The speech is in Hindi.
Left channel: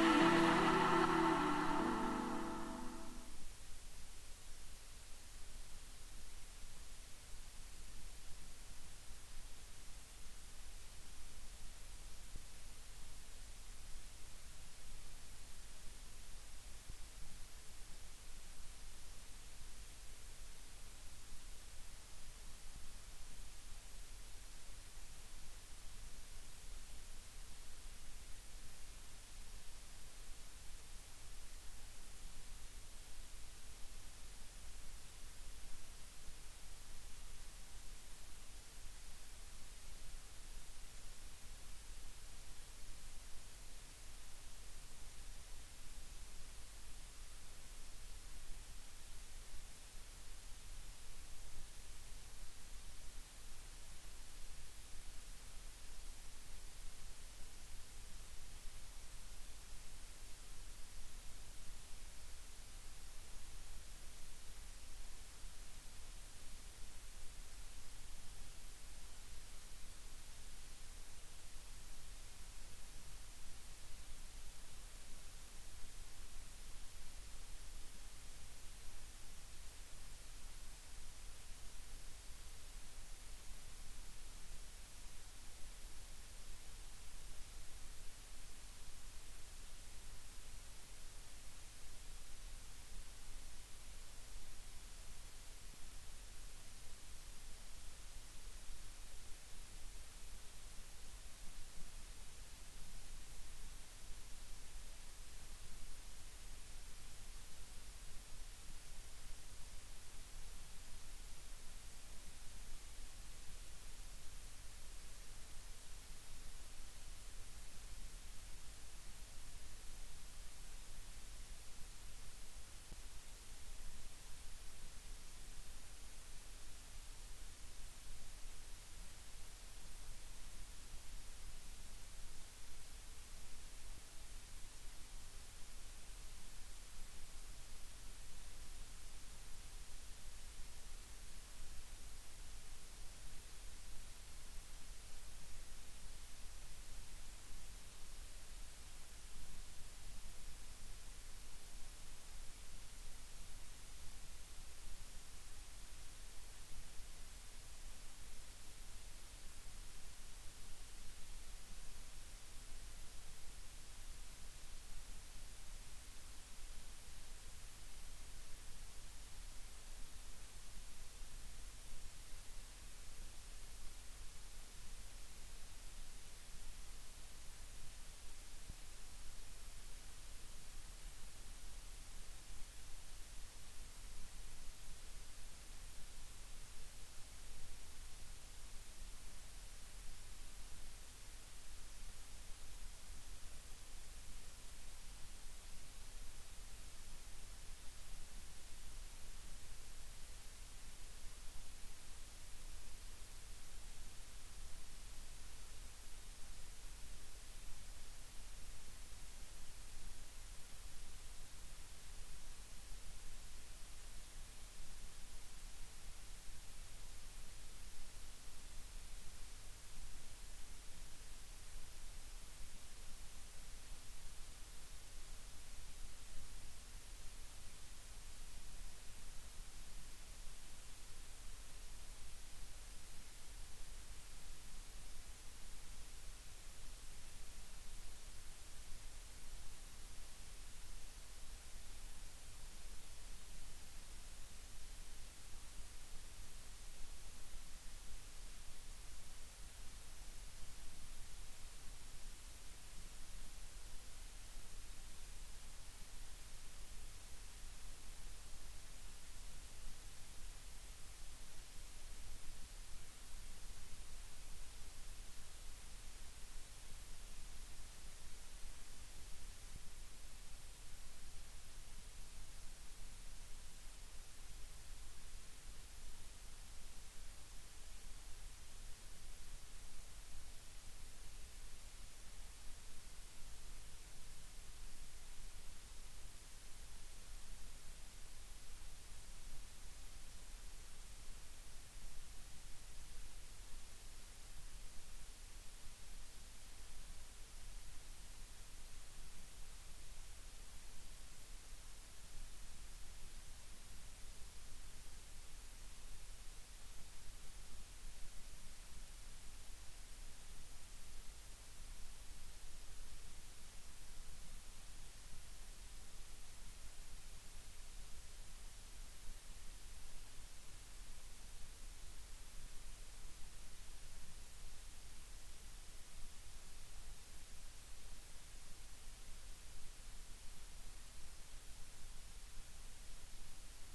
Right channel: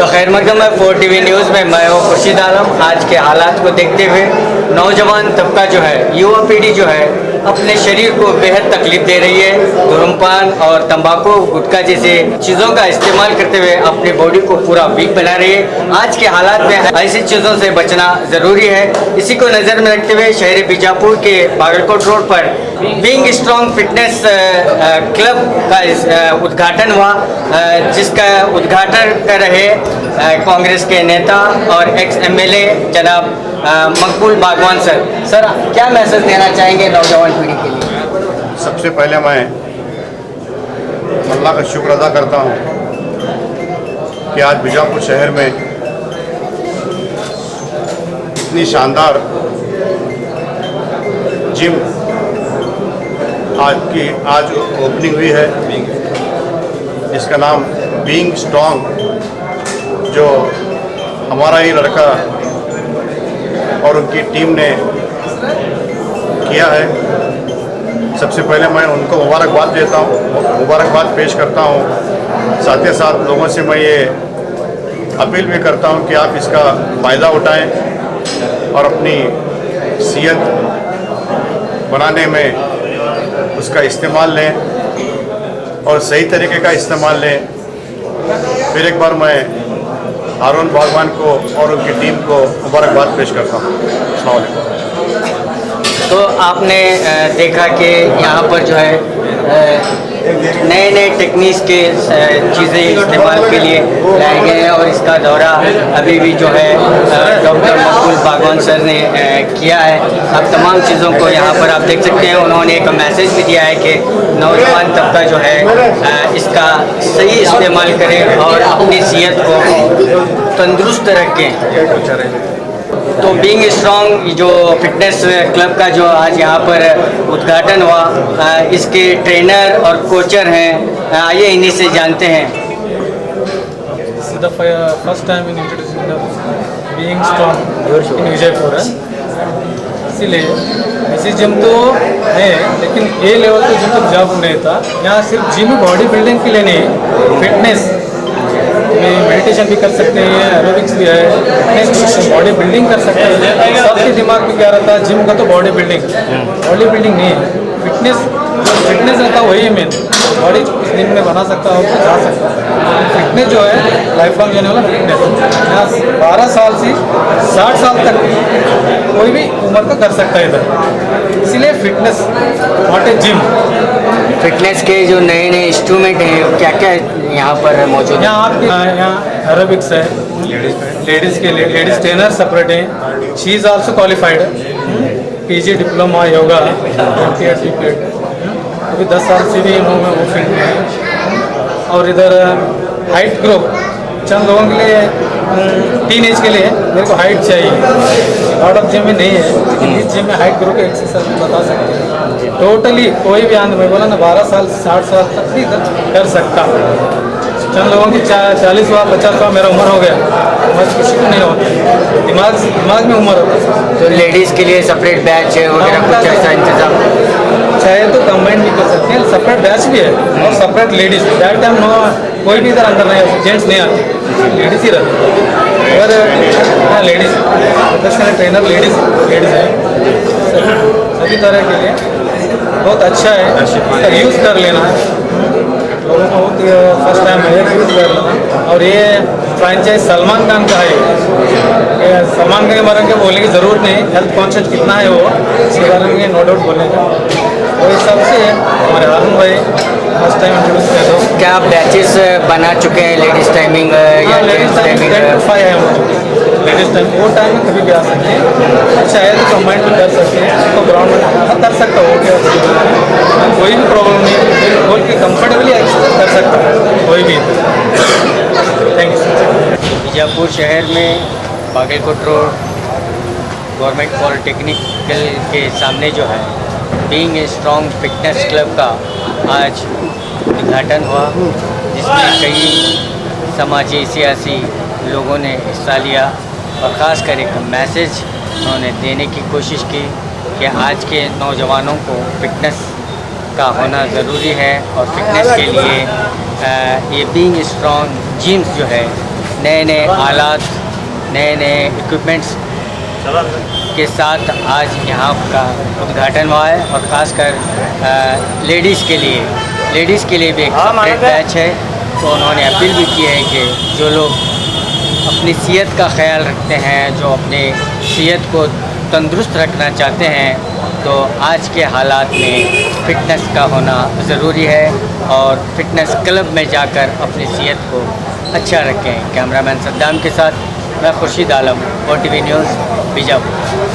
तो खैर मकदम है 4TV न्यूज़ में मैं हूँ खुर्शीद आलम। आज के हालात को देखते हुए नौजवान तबका जो है, युवा पीढ़ी जो है, अपने शरीर को बेहद तकलीफ दे रही है। धूम्रपान और तंबाकू गुटखा जैसे चीज़ों का इस्तेमाल करते हुए अपनी बॉडी को पूरा वीक बना रही है। आज के हालात में ऐसी चीज़ों से बचना ज़रूरी है। इसी को नज़र में रखते हुए शहर बीजापुर के बागलकोट रोड पर बीइंग स्ट्रॉन्ग फिटनेस क्लब का उद्घाटन हुआ, जिसका उद्घाटन कर रहे कांग्रेस के नेता और एक्स MLA जनाब मकबूल बागवान सर क्या मैसेज देना चाहेंगे नौजवान पीढ़ी के लिए? सबसे पहले मैं अल्लाह का शुक्र अदा करता हूँ कि आज बीजापुर शहर में इतनी शानदार जिम आज ओपनिंग हुई है, जिसका नाम बीइंग स्ट्रॉन्ग, जो हमारा ही लड़का और उनकी टीम ने किया है। सबसे पहले मैं उनको मुबारकबाद देता हूँ, मुबारकबाद पेश करता हूँ। साथ ही साथ लोगों से मैं ये अपील भी करता हूँ कि आप इसका फ़ायदा उठाएं और अपनी सेहत बनाने में उसका इस्तेमाल लें और सही तरीके का इस्तेमाल लें। फिर एक बार मैं हारून बागवान को और उनकी टीम को मुबारकबाद पेश करता हूँ। अस्सलाम वालेकुम। तो आपने देखा कि यहाँ पर जो है नए नए टेक्निक्स के चीज़ें इस्तेमाल के लिए लाए गए हैं और इसका दौरा अभी भी जो है डॉक्टर मकबूल बागवान सर ने किया है। अब तमाम चीज़ों को यहाँ पर आप देख सकते हैं। उन्होंने एक मैसेज भी दिया है कि नौजवान तबका जो है इसका सही इस्तेमाल करें और अपनी सेहत को तंदुरुस्त रखें। तो बीइंग स्ट्रॉन्ग जो फिटनेस क्लब का जो आज यहाँ पर उद्घाटन हुआ, इसके ट्रेनर और कोचर हैं, आइए इन्हीं से जानते हैं। First time in introducing the being strong in Vijaypur है, इसीलिए ऐसी जिम तो है लेकिन ए लेवल का जिम तो जॉब नहीं था। यहाँ सिर्फ जिम बॉडी बिल्डिंग के लिए नहीं, फिटनेस में मेडिटेशन भी कर सकते हैं, एरोबिक्स भी है, फिटनेस बॉडी बिल्डिंग कर सकते हैं। सबके दिमाग में क्या रहता है, जिम का तो बॉडी बिल्डिंग नहीं है, फिटनेस रहता है, वही है मेन। बॉडी कुछ दिन में बना सकता हो तो जा सकता है। फिटनेस जो है लाइफ लॉन्ग जाने वाला फिटनेस, यहाँ 12 साल से 60 साल तक कोई भी उम्र का कर सकता है इधर, इसीलिए fitness not a gym. Fitness के जो नए नए इंस्ट्रूमेंट हैं क्या क्या यहाँ पर मौजूद है? यहाँ आपके यहाँ एरोबिक्स है, लेडीज़ के लिए लेडीज़ ट्रेनर सेपरेट है। She is also qualified, PG diploma yoga अभी 10 साल से भी इन्होंने वो फील्ड में है। और इधर हाइट ग्रुप चंद लोगों के लिए, टीन एज के लिए मेरे को हाइट चाहिए, आउट ऑफ जिम में नहीं है, लेकिन इस जिम में हाइट ग्रुप का एक्सरसाइज बता सकते हैं। टोटली कोई भी आंध्र में बोला ना 12 साल से 60 साल तक भी कर सकता। चंद लोगों की 40 हुआ 50 हुआ, मेरा उम्र हो गया, बस किसी को नहीं होता, दिमाग में उम्र होता है। तो लेडीज़ के लिए सेपरेट बैच वगैरह कुछ ऐसा इंतजाम चाहे तो कंबाइन भी कर सकते हैं, सेपरेट बैच भी है और separate ladies. That time no कोई भी इधर अंदर नहीं, जेंट्स नहीं आते, लेडीज़ ही रहते। अगर लेडीज़ प्रोफेशनल ट्रेनर लेडीज़ है, सभी तरह के लिए बहुत अच्छा है, इसका यूज़ कर लेना है लोगों को। फर्स्ट टाइम है यूज़ कर लेना। और ये फ्रेंचाइज सलमान खान का है, ये सलमान खान के बारे में बोलने की ज़रूरत नहीं, हेल्थ कॉन्शियस कितना है वो, इसके बारे में नो डाउट बोलेगा। और इस सबसे हमारे हारून भाई फर्स्ट टाइम इंट्रोड्यूस कर दो। क्या आप बैचेस बना चुके हैं लेडीज़ टाइमिंग या लेडीज़ टाइमिंग 10 to 5 है लेडीज़ टाइम, वो टाइम में कभी भी आ सकते हैं, चाहे तो कंबाइन भी कर सकते हैं, तो ग्राउंड में कर सकता हो क्या, कोई भी प्रॉब्लम नहीं, बोल के कंफर्टेबली एक्सरसाइज कर सकता है कोई भी। Thank you. बीजापुर शहर में बागलकोट रोड गवर्नमेंट पॉलिटेक्निकल के सामने जो है बीइंग स्ट्रॉन्ग फिटनेस क्लब का आज उद्घाटन हुआ, जिसमें कई समाजी सियासी लोगों ने हिस्सा लिया और ख़ासकर एक मैसेज उन्होंने देने की कोशिश की कि आज के नौजवानों को फिटनेस का होना ज़रूरी है और फिटनेस के लिए ये बीइंग स्ट्रॉन्ग जिम्स जो है नए नए आलात, नए नए इक्विपमेंट्स के साथ आज यहाँ का उद्घाटन हुआ है। और ख़ासकर लेडीज़ के लिए भी एक सेपरेट बैच है। तो उन्होंने अपील भी की है कि जो लोग अपनी सेहत का ख्याल रखते हैं, जो अपनी सेहत को तंदुरुस्त रखना चाहते हैं, तो आज के हालात में फ़िटनेस का होना ज़रूरी है और फिटनेस क्लब में जाकर अपनी सेहत को अच्छा रखें। कैमरामैन सद्दाम के साथ मैं खुर्शीद आलम, OTV न्यूज़, बीजापुर।